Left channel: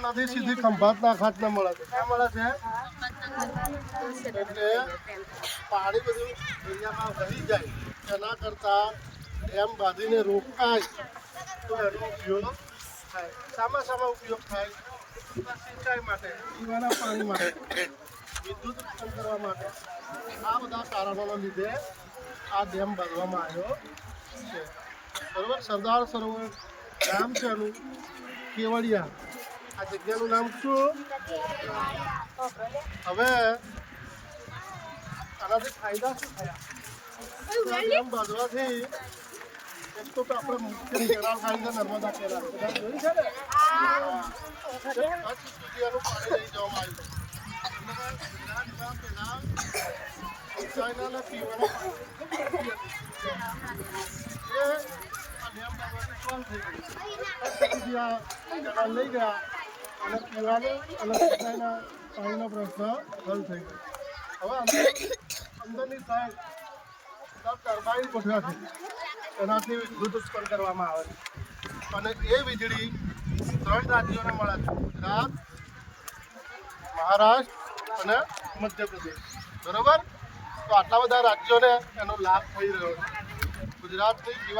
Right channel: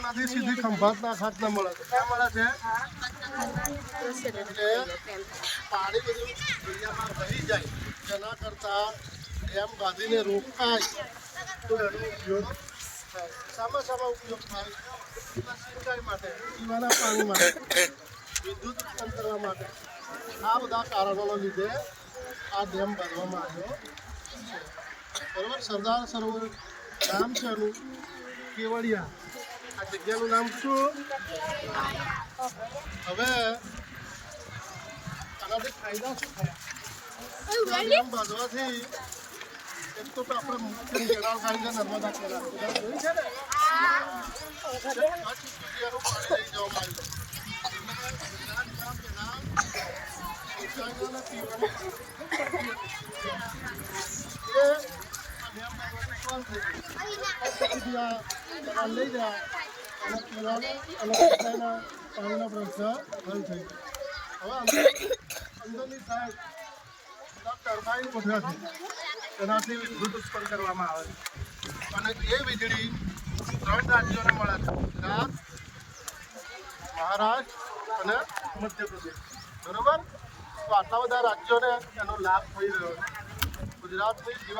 નદી સીધી ખંભાતના ખાતને મળે છે. ક્યાં મળે છે? પાણી બધું દરિયામાં વહી જાય એના કરતા ડેમ બાંધીને રોકાય તો એનો ઉપયોગ થાય. શામાં ઉપયોગ થાય? સિંચાઈ માટે, પીવાના પાણી માટે, વિદ્યુત ઉત્પન્ન કરવા માટે. આ બધા કારણોના લીધે આ ડેમ બાંધવામાં આવ્યો છે. બરોબર. સરદાર સરોવર ગામ છે એનું કેવડિયા. આ જગ્યાનું નામ શું? હવે આનાથી ફાયદા શું થયા? ડેમ બાંધવાથી એક તો આપણે મુખ્ય કેનાલ થાય છે નર્મદા કેનાલ છે ને લઈ ગયા અને પીવાનો અને સિંચાઈના પાણીનો પ્રશ્ન હલ થઈ ગયો. હવે અંદરની સાઈડ ટર્બાઇન ગોઠવ્યા છે, એનાથી વિદ્યુત ઉત્પન્ન કરવામાં આવે છે અને એ વીજળી 3 રાજ્યોને મળે છે: ગુજરાત, મહારાષ્ટ્ર અને મધ્યપ્રદેશ. બરોબર. તો આટલા બધા રાજ્યોને એનો લાભ થઈ રહ્યો છે. ગુજરાતની જીવા